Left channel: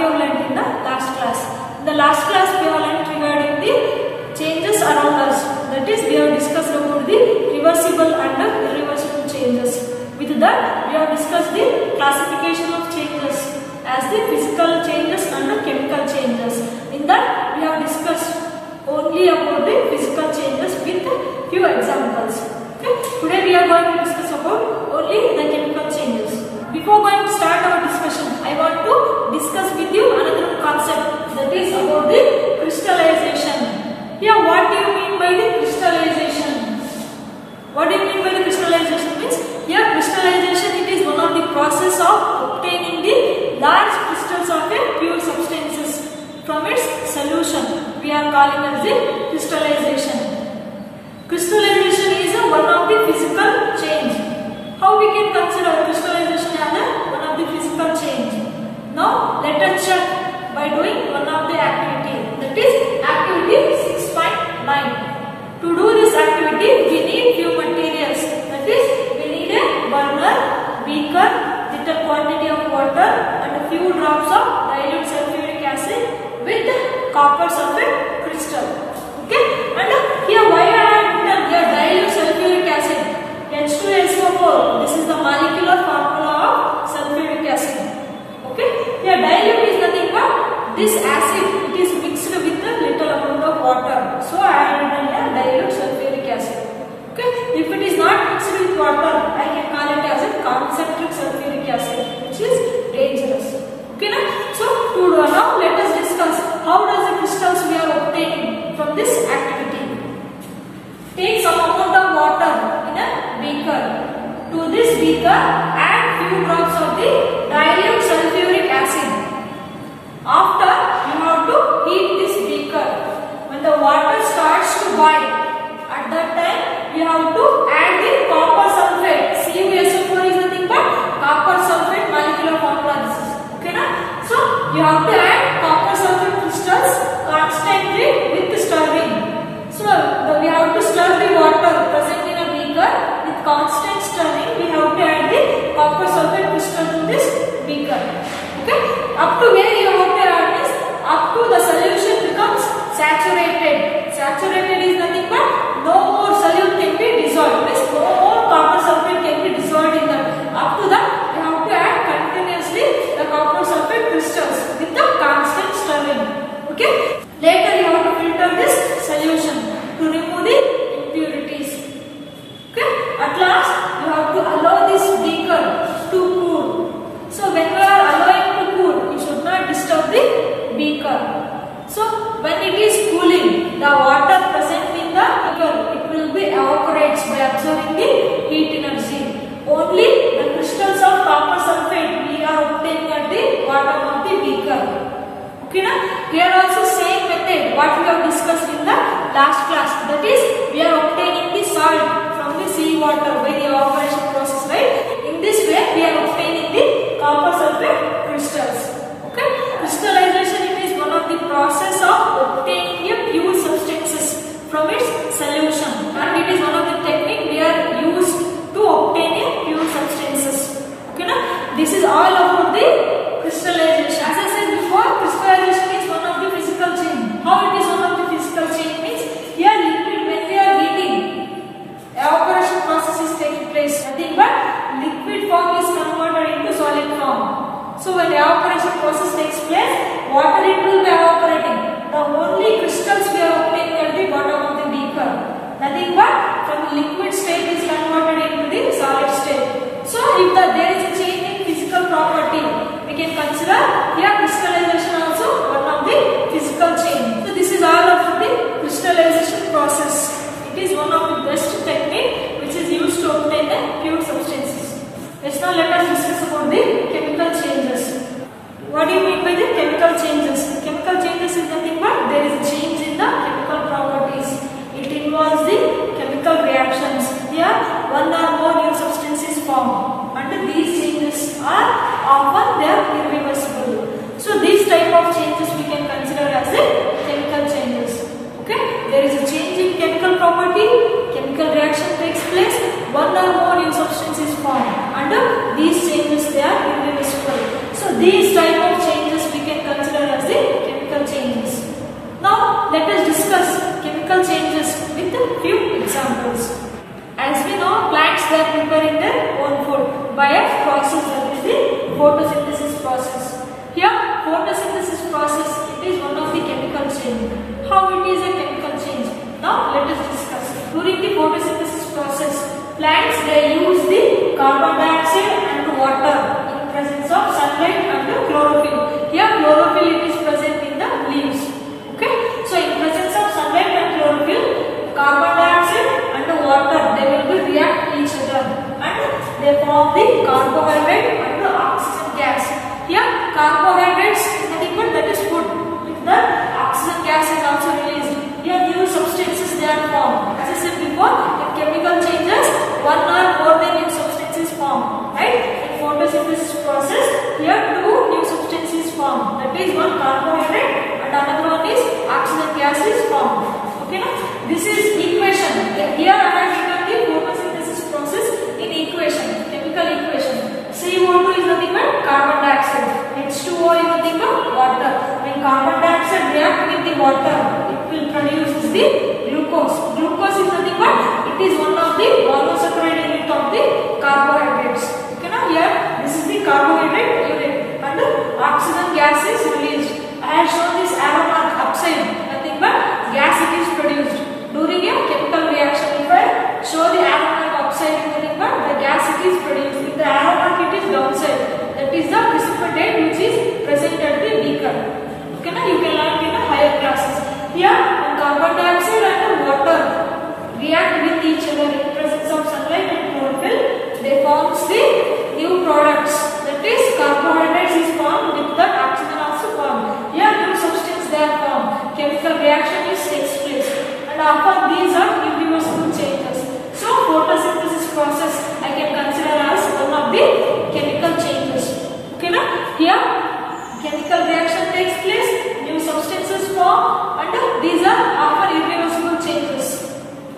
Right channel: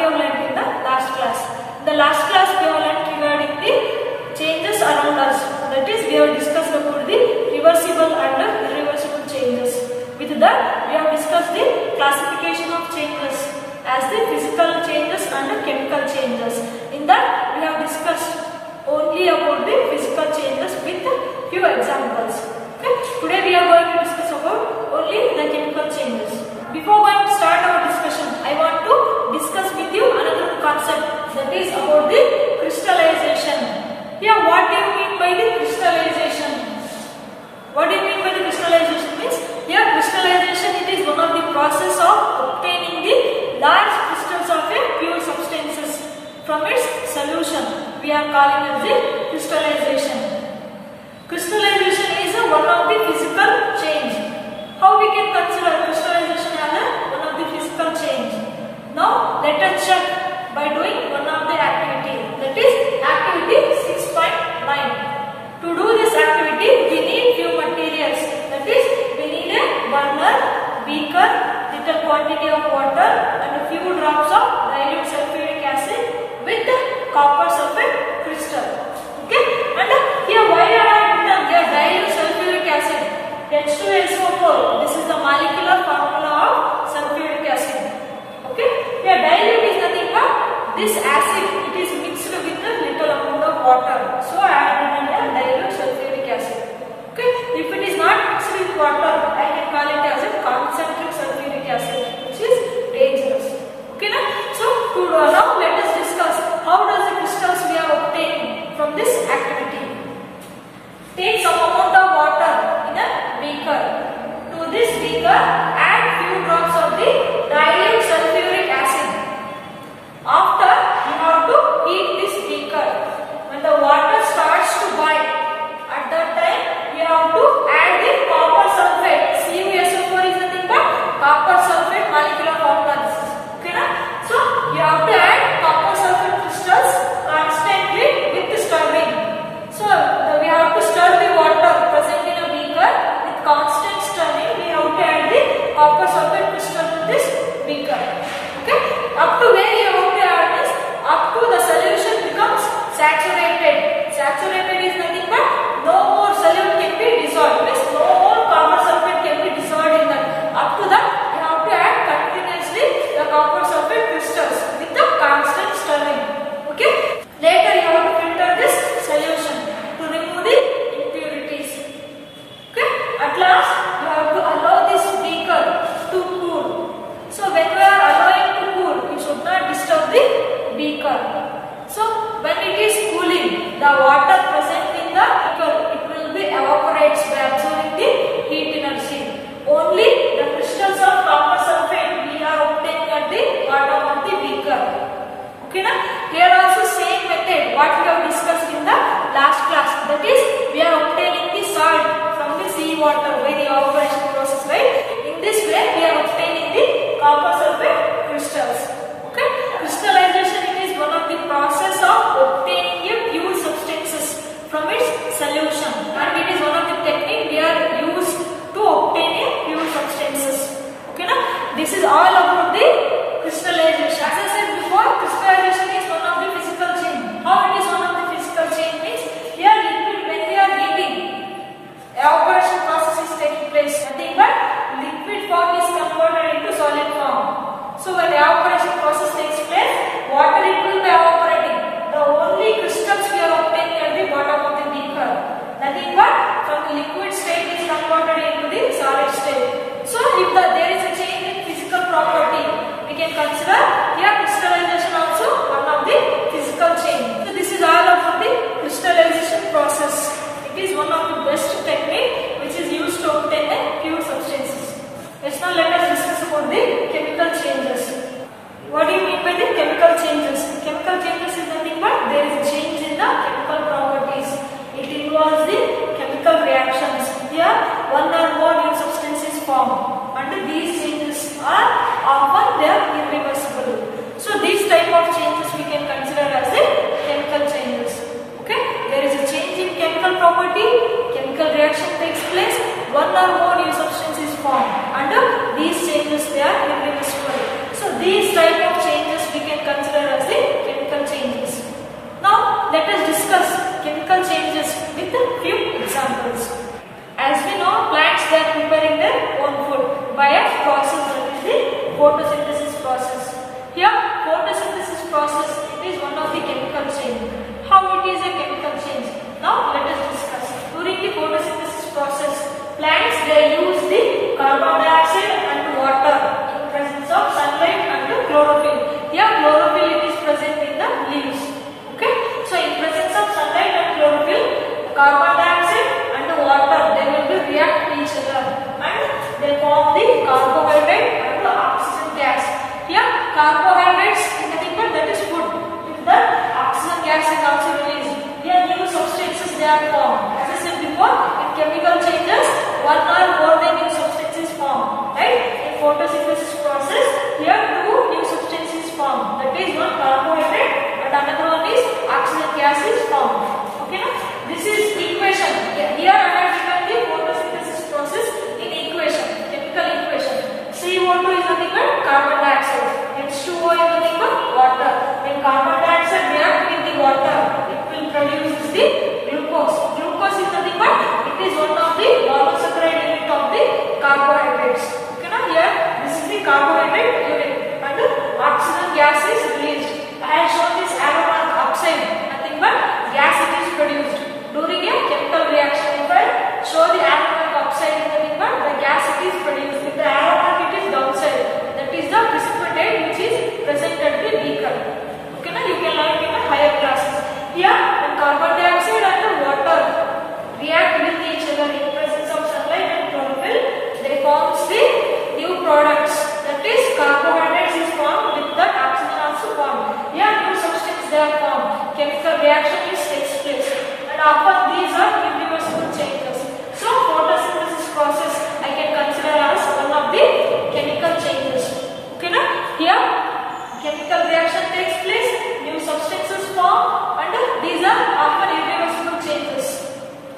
we have learnt in the last class. In the last class we have learnt regarding the changes around us. That is, we have discussed about the reversible and irreversible changes. With that, we have discussed the classification of changes as the physical changes and the chemical changes. In that, we have discussed only about the physical changes with few examples. Okay? Today we are going to discuss about only the chemical changes. Before going to start our discussion, I want to discuss with you another concept, that is about the crystallization. Here, what do you mean by the crystallization? What do you mean by the crystallization? Means here crystallization, it is one of the process of obtaining the large crystals of a pure substances from its solution. We are calling as the crystallization. Crystallization is one of the physical change. How we can consider crystallization as one of the physical change? Now let us check by doing one of the activity, that is activity 6.9. To do this activity, we need few materials. That is, we need a burner, beaker, little quantity of water, and a few drops of dilute sulfuric acid with copper sulfate crystal. Okay? And here, why I have written here dilute sulfuric acid? H2SO4. This is the molecular formula of sulfuric acid. Okay? Here, dilute is nothing but this acid. It is mixed with a little amount of water. So I have written here dilute sulfuric acid. Okay? If it is not mixed with water, I can call it as a concentric sulfuric acid, which is dangerous. Okay? So now let us discuss how does the crystals we are obtaining from this activity. Take some amount of water in a beaker. To this beaker, add few drops of the dilute sulfuric acid. After, you have to heat this beaker. When the water starts to boil, at that time you have to add the copper sulfate. CuSO4 is nothing but copper sulfate molecular formula. Okay, na? So you have to add copper sulfate crystals constantly with stirring. So we have to stir the water present in a beaker. With constant stirring, we have to add the copper sulfate crystal to this beaker. Okay, up to where you have to add this? Up to the solution becomes saturated. Saturated is nothing but no more solute can be dissolved. Means no more copper sulfate can be dissolved in that. Up to that, you have to add continuously the copper sulfate crystals with the constant stirring. Okay. Later, you have to filter this solution to remove the impurities. Okay. At last, you have to allow this beaker to cool. So when you are allowing to cool, you should not disturb the beaker. So when it is cooling, the water present in the beaker, it will be evaporates by absorbing the heat energy. Only the crystals of copper sulfate we are obtaining at the bottom of the beaker. Okay, na? Here also same method what we have discussed in the last class. That is, we are obtaining the salt from the sea water by the evaporation process, right? In this way, we are obtaining the copper sulfate crystals. Okay, crystallization, it is one of the process of obtaining a pure substances from its solution, and it is one of the technique we are used to obtain a pure substances. Okay, na? This is all about the crystallization. As I said before, crystallization is one of the physical change. How it is one of the physical change means here liquid when we are heating, evaporation process is taking place. Nothing but liquid form is converted into solid form. So when evaporation process takes place, water it will be evaporating. The only crystals we are obtaining at the bottom of the beaker. Nothing but from liquid state is converted into the solid state. So if there is a change in physical property, we can consider here crystallization also one of the physical change. So this is all about the crystallization process. It is one of the best technique which is used to obtain the pure substances. Yes, now let us discuss about the chemical changes. What do you mean by the chemical changes? Chemical changes is nothing but there is a change in the chemical properties. It involves the chemical reactions. Here, one or more new substances form, and these changes are often they are irreversible. So these type of changes we can consider as a chemical changes. Okay, there is a change in chemical property, chemical reaction takes place, one or more new substance is formed, and these changes they are irreversible. So these type of changes we can consider they are preparing their own food by a process, that is the photosynthesis process. Here photosynthesis process, it is one of the chemical change. How it is a chemical change? Now let us discuss. During the photosynthesis process, plants they use the carbon dioxide and water in presence of sunlight and chlorophyll. Here chlorophyll it is present in the leaves. Okay, so in presence of sunlight and chlorophyll, carbon dioxide and water they will be react each other and they form the carbohydrate and the oxygen gas. Here carbohydrates is nothing but that is food. With that oxygen gas is also released. Here new substances they are formed. As I said before, in chemical changes, one or more than new substances formed. Right? In photosynthesis process, here two new substances formed. That is one carbohydrate and another one is oxygen gas is formed. Okay, now this is equation. Here I have given the photosynthesis process in equation, chemical equation. CO2 is nothing but carbon dioxide. H2O is nothing but water. When carbon dioxide reacts with the water, it will produce the glucose. Glucose is nothing but it is one of the monosaccharide unit of the carbohydrates. Okay, now here this is the carbohydrate unit and the oxygen gas is released. I have shown this arrow mark upside. Nothing but gas it is produced during a chemical reaction. If I show the arrow mark upside, nothing but the gas it is produced. With the arrow mark it is downside. That is the precipitate which is present at the beaker. Okay, now you can learn in the higher classes. Here when carbon dioxide and the water react with each other in presence of sunlight and chlorophyll, they form the new products. That is carbohydrates is formed, with that oxygen also formed. Here new substance they are formed. Chemical reaction is takes place and often these are irreversible changes. So photosynthesis process I can consider as one of the chemical changes. Okay, now here chemical reaction takes place, new substances form and these are often irreversible changes.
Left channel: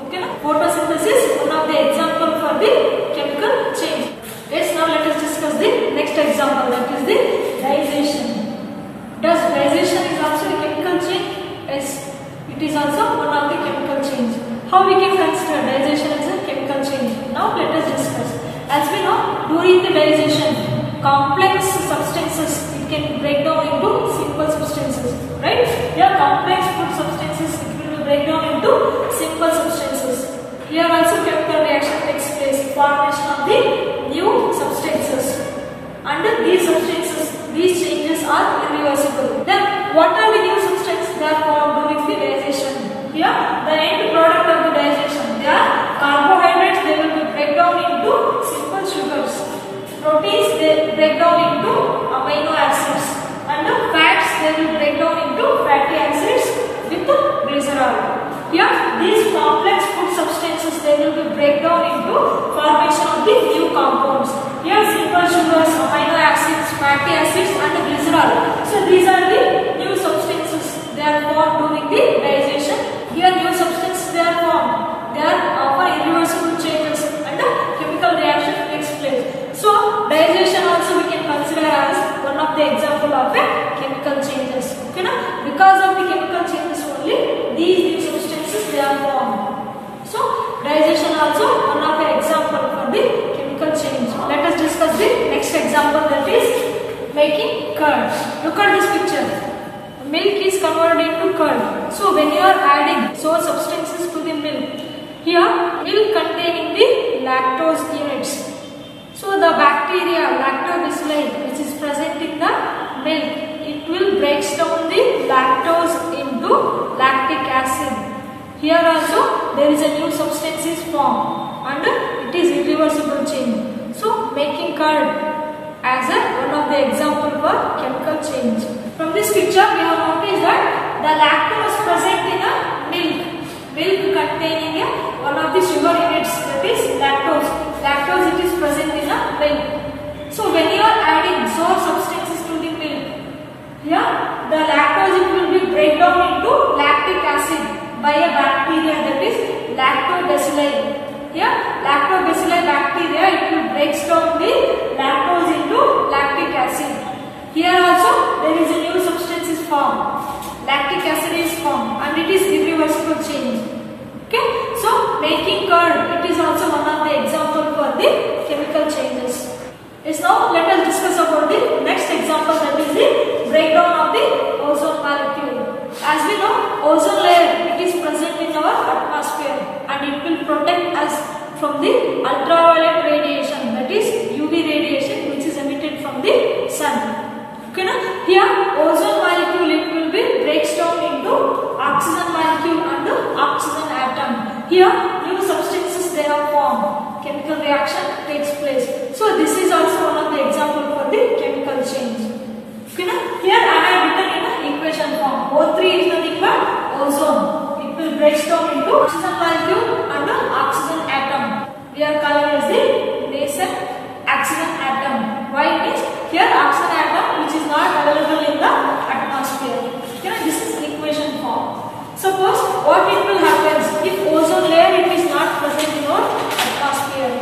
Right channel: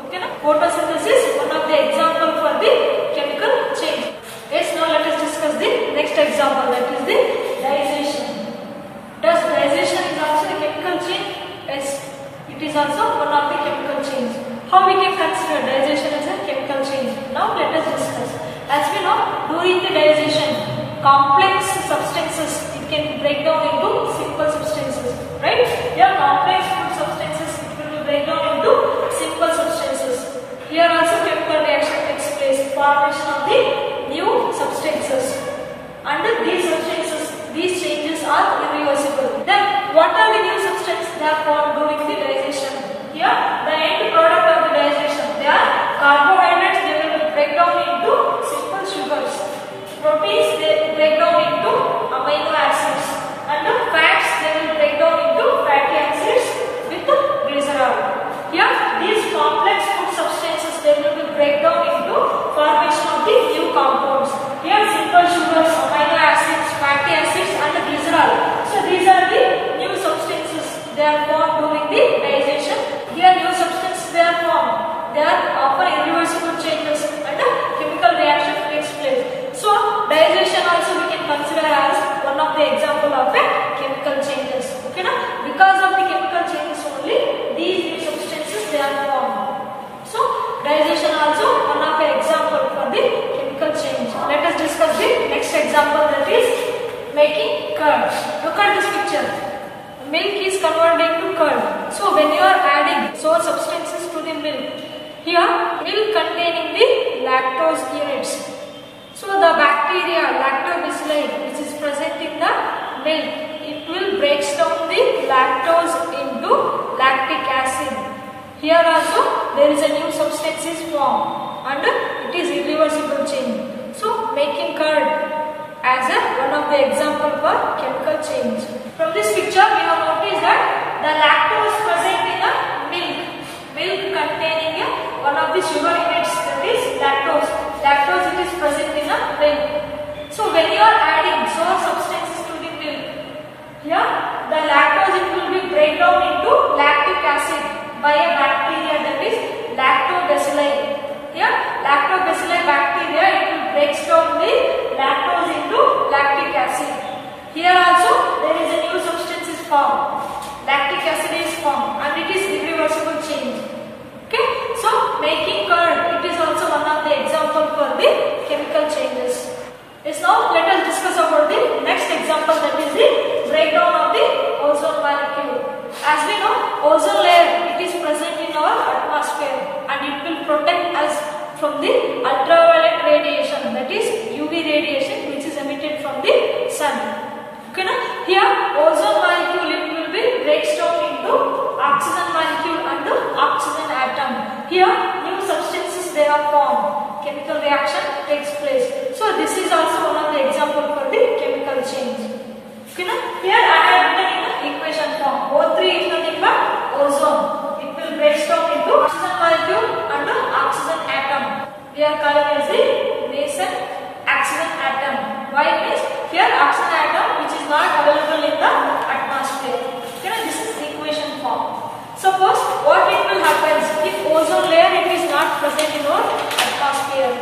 Okay, now photosynthesis one of the example for the chemical change. Yes, now let us discuss the next example, that is the digestion. Does digestion is also a chemical change? Yes, it is also one of the chemical change. How we can consider digestion as a chemical change? Now let us discuss. As we know, during the digestion, complex substances it can break down into simple substances. Right? Here complex food substances it will be break down into simple substances. Here also chemical reaction takes place, formation of the new substances. Under these substances, these changes are irreversible. Then what are the new substances that are formed during the digestion? Here the end product of the digestion, they are carbohydrates, they will be break down into simple sugars. Proteins they break down into amino acids and the fats they will break down into fatty acids with glycerol. Here these complex food substances they will be break down into formation of the new compounds. Here simple sugars, amino acids, fatty acids and glycerol. So these are the new substances they are formed during the digestion. Here new substances they are formed. They are often irreversible changes and a chemical reaction takes place. So digestion also we can consider as one of the example of a chemical changes. Okay, now because of the chemical changes only these new substances they are formed. So digestion also one of the example for the chemical change. Let us discuss the next example, that is making curd. Look at this picture. Milk is converted into curd. So when you are adding sour substances to the milk, here milk containing the lactose units. So the bacteria lactobacilli which is present in the milk, it will breaks down the lactose into lactic acid. Here also there is a new substance is formed and it is irreversible change. So making curd as one of the example for chemical change. From this picture we have noticed that the lactose present in the milk containing one of the sugar units, that is lactose. Lactose it is present in the milk. So when you are adding sour substances to the milk, here the lactose it will be break down into lactic acid by a bacteria, that is lactobacilli. Here lactobacilli bacteria it will break down the lactose into lactic acid. Here also there is a new substance is formed. Lactic acid is formed and it is irreversible change. Okay, so making curd it is also one of the examples example for the chemical changes. Yes, now let us discuss about the next example, that is the breakdown of the ozone molecule. As we know, ozone layer, it is present in our atmosphere and it will protect us from the ultraviolet radiation, that is UV radiation, which is emitted from the sun. Okay, now here ozone molecule, it will be breaks down into oxygen molecule and oxygen atom. Here new substances they are formed, chemical reaction takes place. So this is also one of the example for the chemical change. Okay, now here I have written in the equation form. O3 is nothing but ozone. It will break down into oxygen molecule and oxygen atom. We are calling as the nascent oxygen atom. Why is here oxygen atom which is not available in the atmosphere. Okay, now this is equation form. Suppose what it will happen if ozone layer it is not present in our atmosphere.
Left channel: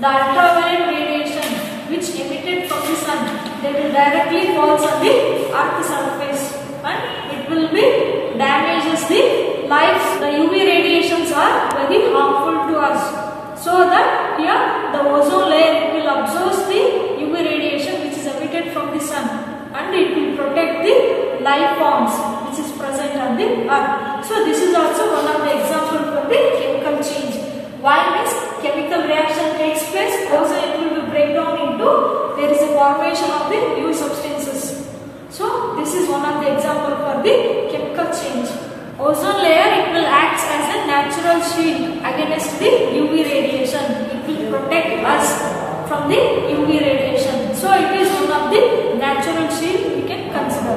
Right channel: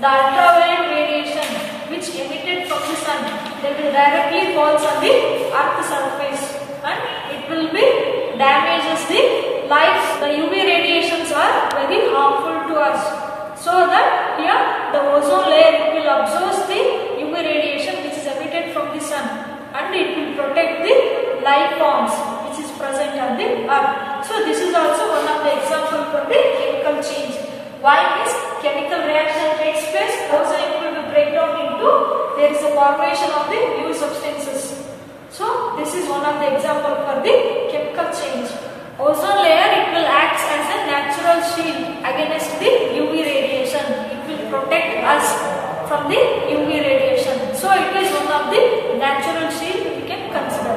The ultraviolet radiation which emitted from the sun, they will directly fall on the earth surface and it will be damages the life. The UV radiations are very harmful to us. So that here the ozone layer it will absorb the UV radiation which is emitted from the sun and it will protect the life forms which is present on the earth. So this is also one of the example for the chemical change. Why this chemical reaction takes place? Also it will be break down into, there is a formation of the new substances. So this is one of the example for the chemical change. Ozone layer it will act as a natural shield against the UV radiation. It will protect us from the UV radiation. So it is one of the natural shield we can consider.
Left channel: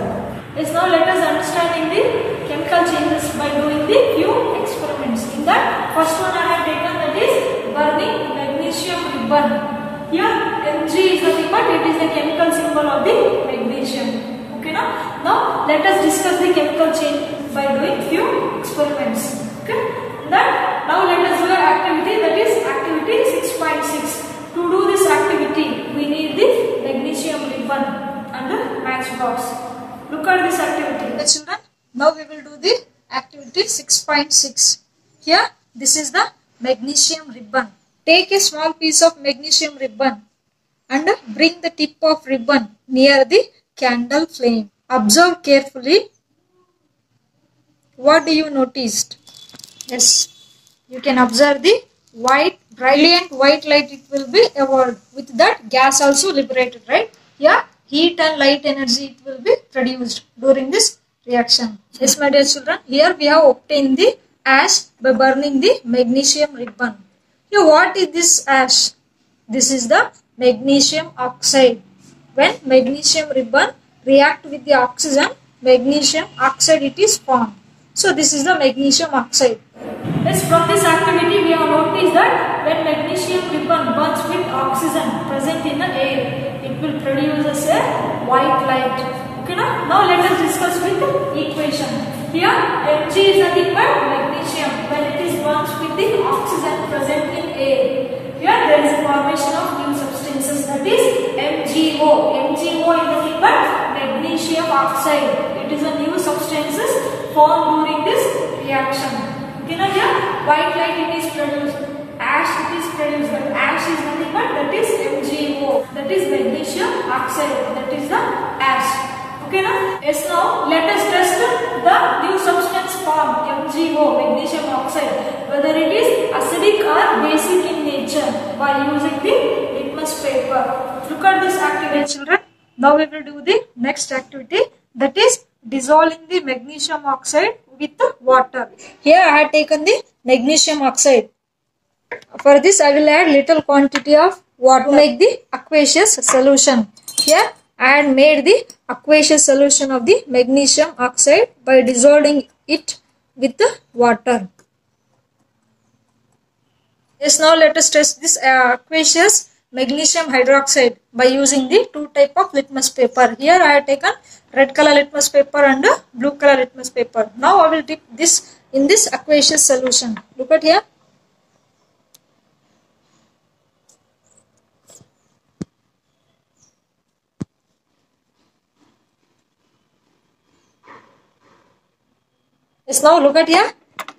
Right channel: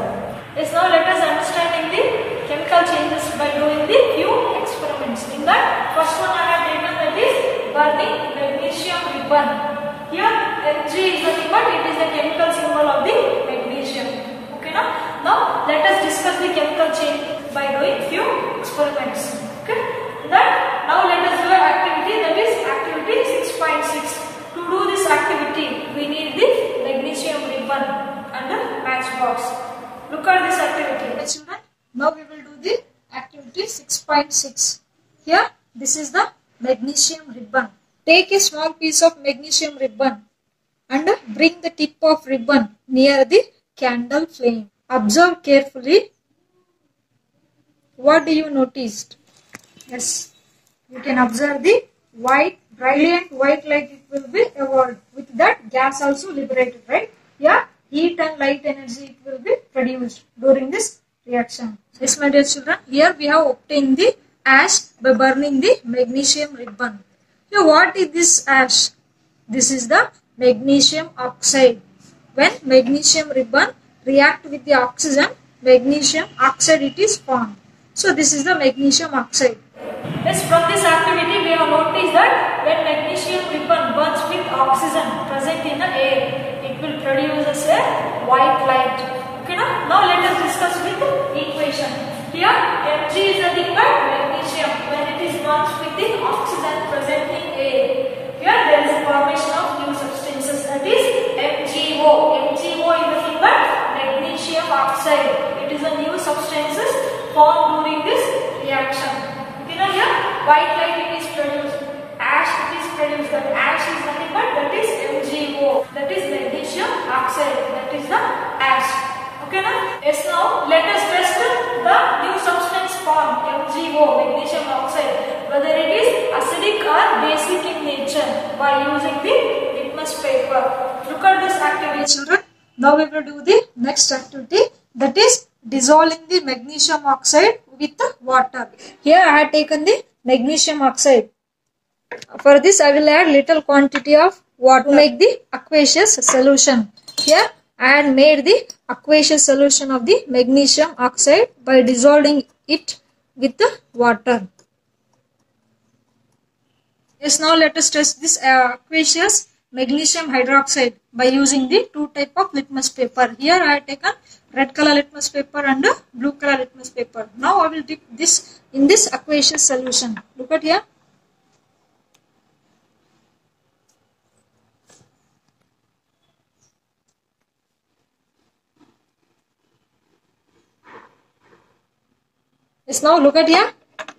Yes, now let us understanding the chemical changes by doing the few experiments. In that first one I have taken, that is burning magnesium ribbon. Here Mg is nothing but it is the chemical symbol of the magnesium. Okay, now let us discuss the chemical change by doing few experiments. Okay, that now let us do an activity, that is activity 6.6. To do this activity we need the magnesium ribbon and the matchbox. Look at this activity. Okay, children, now we will do the activity 6.6. Here this is the magnesium ribbon. Take a small piece of magnesium ribbon and bring the tip of ribbon near the candle flame. Observe carefully. What do you notice? Yes, you can observe the white, brilliant white light it will be evolved. With that gas also liberated, right? Here heat and light energy it will be produced during this reaction. Yes, my dear children, here we have obtained the ash by burning the magnesium ribbon. Here what is this ash? This is the magnesium oxide. When magnesium ribbon react with the oxygen, magnesium oxide it is formed. So this is the magnesium oxide. Yes, from this activity we have noticed that when magnesium ribbon burns with oxygen present in the air, it will produce as a white light. Okay, now let us discuss with the equation. Here Mg is nothing but magnesium when it is burnt with the oxygen present in air. Here there is a formation of new substances, that is MgO. MgO is nothing but magnesium oxide. It is a new substances formed during this reaction. You know, here white light it is produced, ash it is produced, but ash is nothing but that is MgO, that is magnesium oxide, that is the ash. Okay, now? Yes, now let us test the new substance formed, MgO, magnesium oxide, whether it is acidic or basic in nature by using the litmus paper. Look at this activity, children. Now we will do the next activity, that is dissolving the magnesium oxide with water. Here I have taken the magnesium oxide. For this I will add little quantity of water to make the aqueous solution. Here I had made the aqueous solution of the magnesium oxide by dissolving it with the water. Yes, now let us test this aqueous magnesium hydroxide by using the two type of litmus paper. Here I have taken red color litmus paper and blue color litmus paper. Now I will dip this in this aqueous solution. Look at here. Yes, now look at here.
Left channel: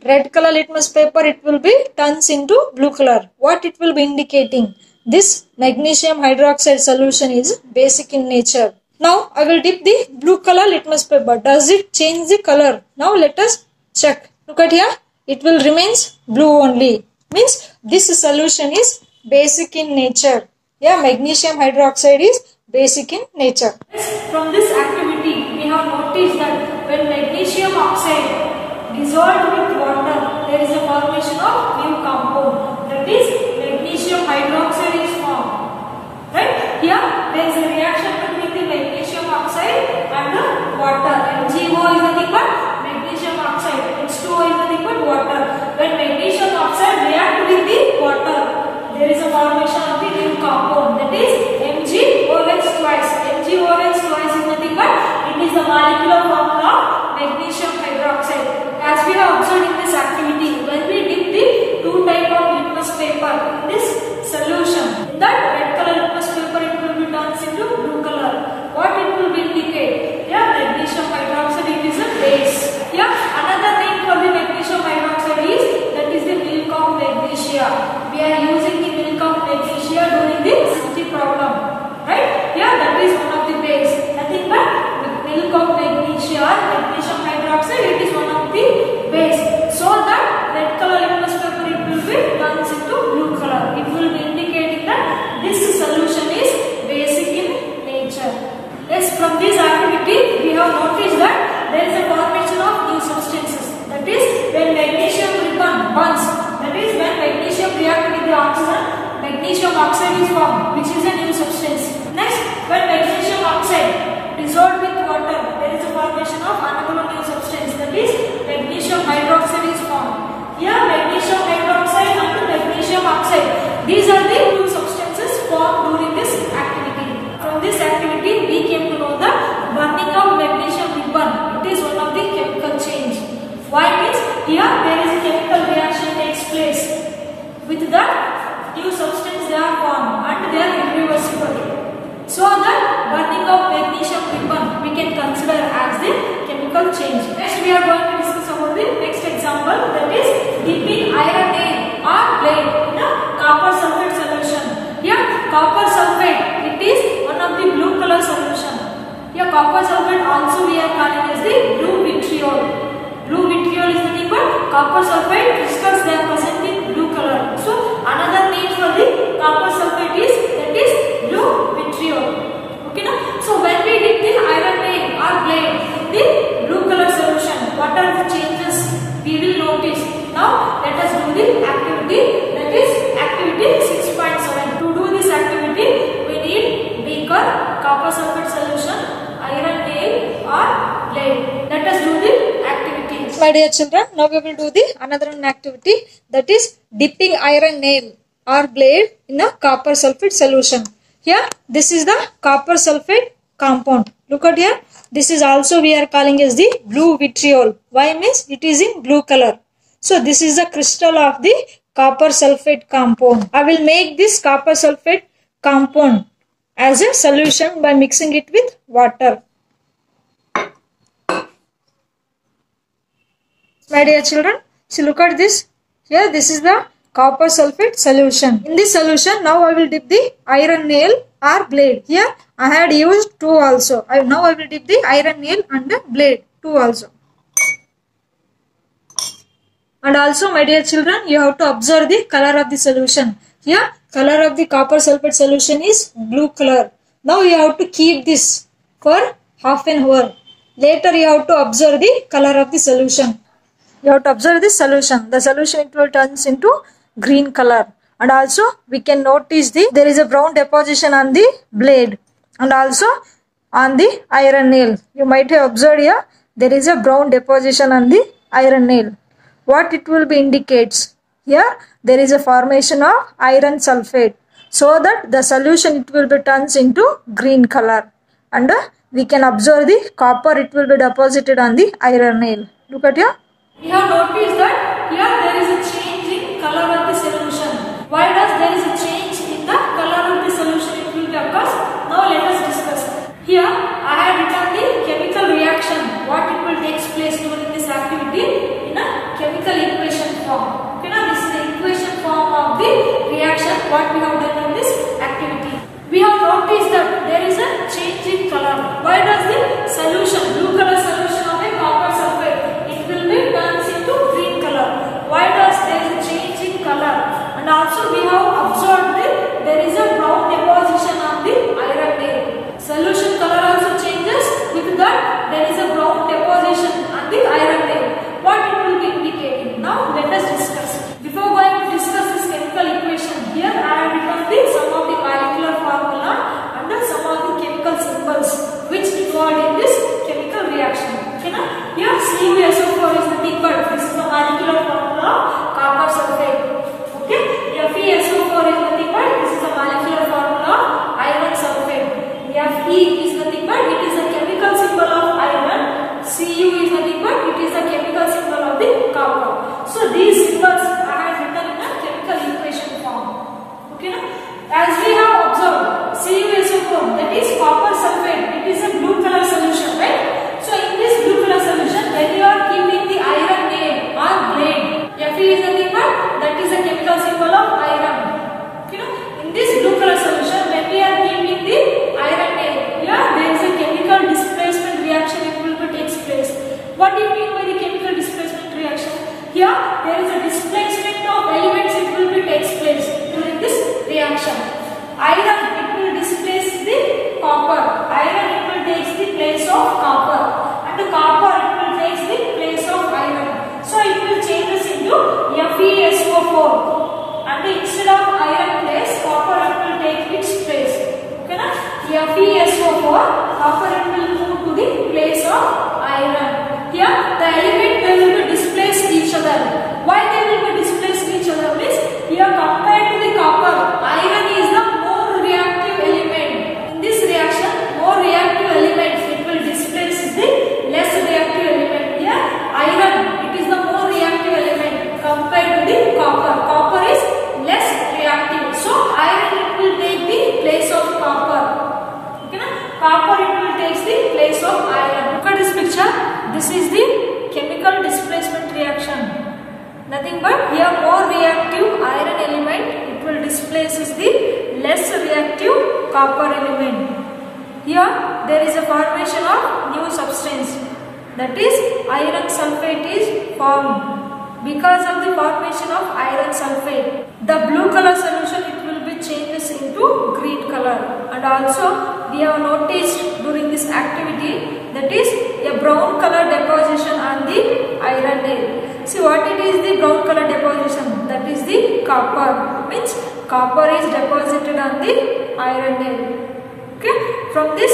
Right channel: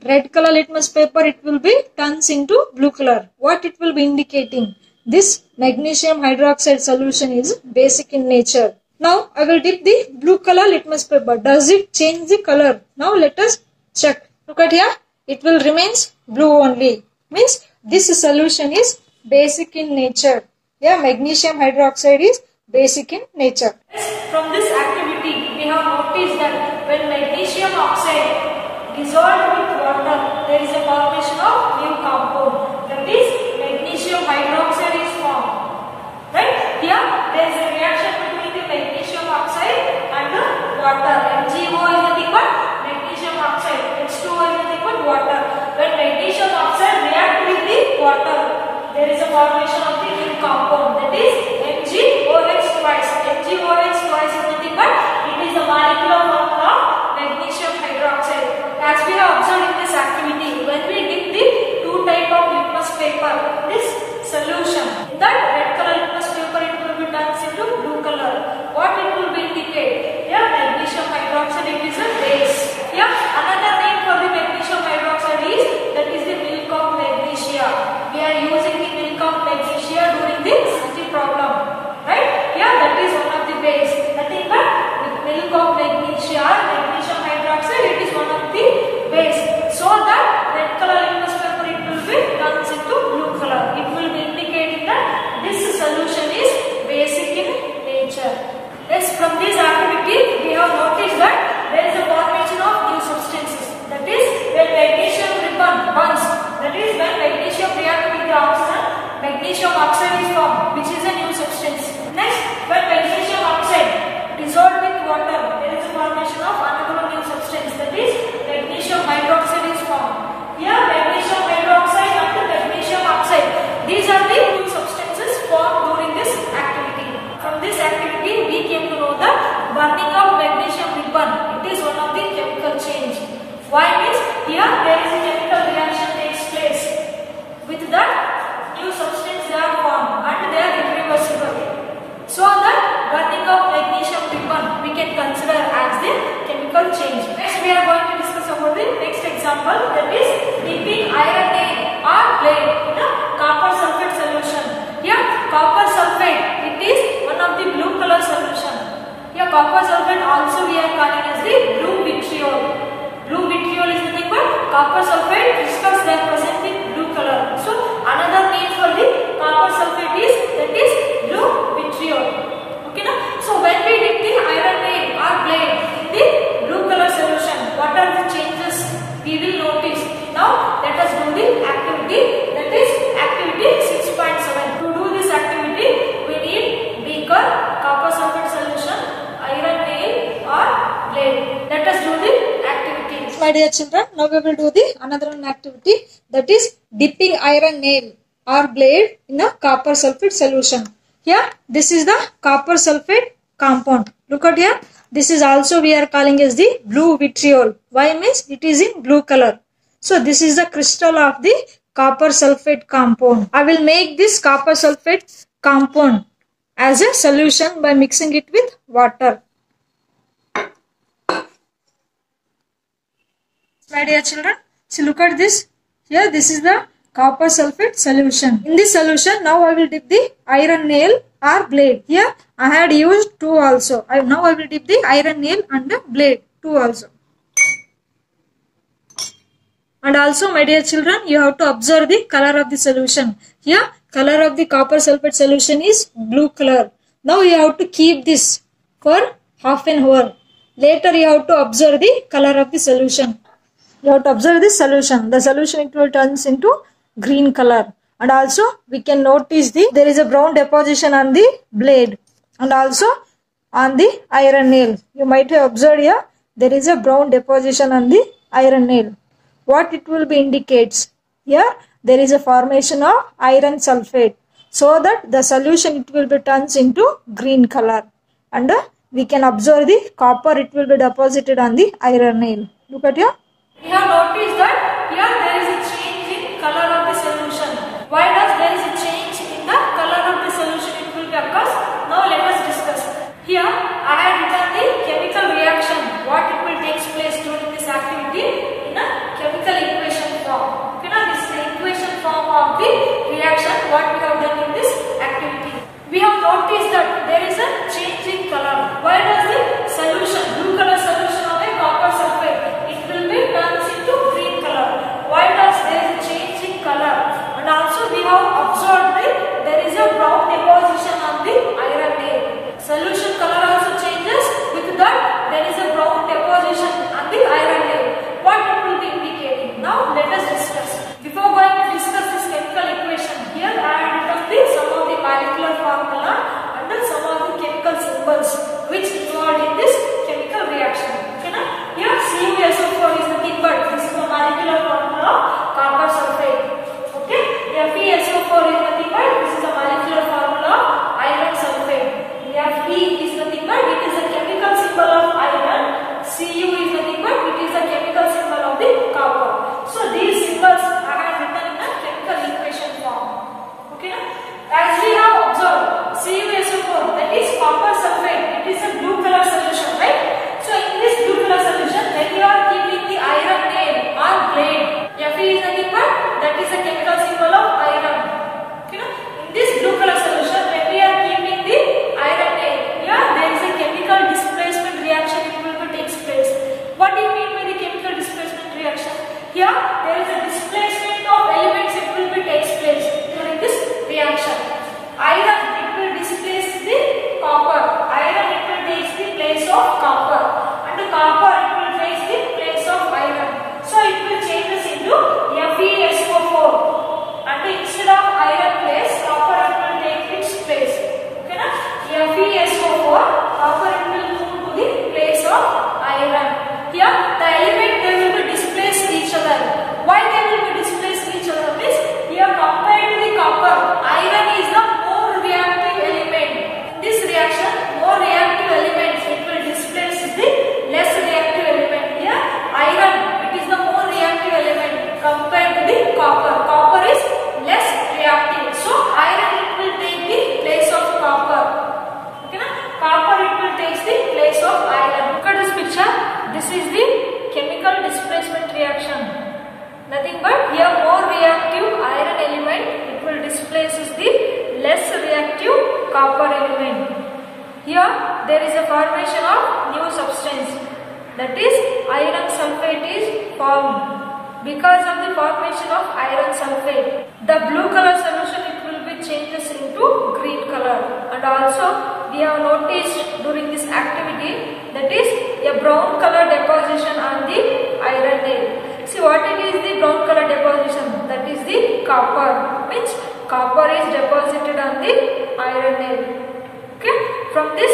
red color litmus paper, it will be turns into blue color. What it will be indicating? This magnesium hydroxide solution is basic in nature. Now I will dip the blue color litmus paper. Does it change the color? Now let us check. Look at here. It will remains blue only. Means this solution is basic in nature. Yeah, magnesium hydroxide is basic in nature. From this activity, we have noticed that when magnesium oxide dissolved with water, there is a formation of new compound. That is magnesium hydroxide is formed. Right? Here there is a reaction between the magnesium oxide and the water. MgO is nothing but magnesium oxide. H2O is nothing but water. When magnesium oxide reacts with the water, there is a formation of the new compound. That is MgOH twice. MgOH twice is nothing but it is the molecular formula of magnesium hydroxide. As we have observed in this activity, when we dip the two type of litmus paper in this solution, in that red color litmus paper, it will be turned into blue color. What it will be indicate? Yeah, magnesium hydroxide, it is a base. Yeah, another name for the magnesium hydroxide is, that is the milk of magnesia. We are using the milk of magnesia during the SAT problem. Right? Yeah, that is one of the base. Nothing but milk of magnesia, magnesium hydroxide, it is one of the base. So that red color litmus paper, it will be turns into blue color. It will be indicating that this solution is basic in nature. Yes, from this activity, we have noticed that there is a formation of new substances. That is when magnesium ribbon burns. That is when magnesium reacts with the oxygen, magnesium oxide is formed, which is a new substance. Next, when magnesium oxide dissolved with water, there is a formation of another new substance. That is magnesium hydroxide is formed. Here, magnesium hydroxide and magnesium oxide. These are the new substances formed during this activity. From this activity, we came to know the burning of magnesium ribbon. It is one of the chemical change. Why means here there is a chemical reaction takes place. With that new substance they are formed and they are irreversible. So that burning of magnesium ribbon we can consider as the chemical change. Next we are going to discuss about the next example, that is dipping iron ore or blade in a copper sulfate solution. Here copper sulfate, it is one of the blue color solution. Here copper sulfate also we are calling as the blue vitriol. Blue vitriol is nothing but copper sulfate crystals, they are present in blue color. So another name for the copper sulfate is, that is blue vitriol. Okay na? So when we dip the iron nail or blade in the blue color solution, what are the changes we will notice? Now let us do the activity, that is activity 6.7. To do this activity we need beaker, copper sulfate solution, iron nail or blade. Let us do the activity. My dear children, now we will do the another activity, that is dipping iron nail or blade in a copper sulfate solution. Here this is the copper sulfate compound. Look at here. This is also we are calling as the blue vitriol. Why means it is in blue color. So this is the crystal of the copper sulfate compound. I will make this copper sulfate compound as a solution by mixing it with water. My dear children, see, look at this. Here this is the copper sulfate solution. In this solution, now I will dip the iron nail or blade. Here I had used two also. Now I will dip the iron nail and the blade, two also. And also, my dear children, you have to observe the color of the solution. Here color of the copper sulfate solution is blue color. Now you have to keep this for half an hour. Later you have to observe the color of the solution. You have to observe this solution. The solution, it will turns into green color. And also we can notice there is a brown deposition on the blade and also on the iron nail. You might have observed here there is a brown deposition on the iron nail. What it will be indicates? Here there is a formation of iron sulfate. So that the solution, it will be turns into green color. And we can observe the copper, it will be deposited on the iron nail. Look at here. We have noticed that here there is a change in color of the solution. Why does there is a change in the color of the solution? It will be occurs. Now let us discuss. Here I have written the chemical reaction. What it will take place during this activity in a chemical equation. there is a change in color. Why does the solution, blue color solution of a copper sulfate, it will be turns into green color? Why does there is a change in color? And also we have observed that there is a brown deposition on the iron nail. Solution color also changes, with that there is a brown deposition on the iron nail. What it will be indicating? Now let us discuss. Before going to discuss this chemical equation, here I have written some of the molecular formula and some of the chemical symbols which involved in this chemical reaction. Okay, na? Here CuSO4 is nothing but this is the molecular formula of copper sulfate. Okay, FeSO4 is nothing but this is the molecular formula of iron sulfate. Fe is nothing but it is a chemical symbol of iron. Cu is nothing but it is a chemical symbol of the copper. So these symbols I have written in a chemical equation form. Okay, na? As we have observed, CuSO4, that is copper sulfate, it is a blue color solution, right? So in this blue color solution, when you are keeping the iron nail or blade, Fe is nothing but that is a chemical symbol of iron. Okay, na? In this blue color solution, when we are keeping the iron nail, here there is a chemical displacement reaction, it will be takes place. What do you mean by the chemical displacement reaction? Here there is a displacement of elements, it will be takes place during this reaction. Iron, it will displace the copper. Iron, it will take the place of copper, and the copper, it will take the place of iron. So it will change us into FeSO4, and instead of iron place, copper, it will take its place. Okay, na? FeSO4, copper, it will move to the place of iron. Here the element, they will be displace each other. Why they will be displace each other? Means here compared to the copper, iron is the more reactive element. In this reaction, more reactive element, it will displace the less reactive element. Here iron, it is the more reactive element compared to the copper. Copper is less reactive, so iron, it will take the place of copper. Okay, na? Copper, it will take the place of iron. Look at this picture. This is the chemical displacement reaction. Nothing but here more reactive iron element, it will displace the less reactive copper element. Here there is a formation of new substance, that is iron sulfate is formed. Because of the formation of iron sulfate, the blue color solution, it will be changes into green color. And also we have noticed during this activity, that is a brown color deposition on the iron nail. See what it is, the brown color deposition, that is the copper, means copper is deposited on the iron nail. Okay, from this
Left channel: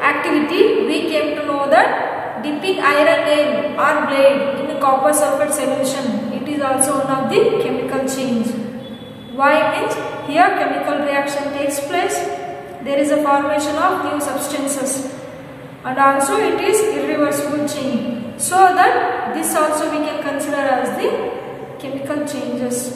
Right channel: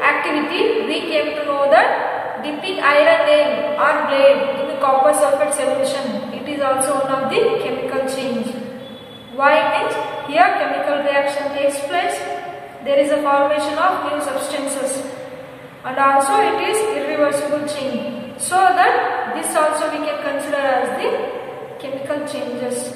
activity we came to know that dipping iron nail or blade in the copper sulfate solution, it is also one of the chemical change. Why? Means here chemical reaction takes place, there is a formation of new substances, and also it is irreversible change. So that this also we can consider as the chemical changes.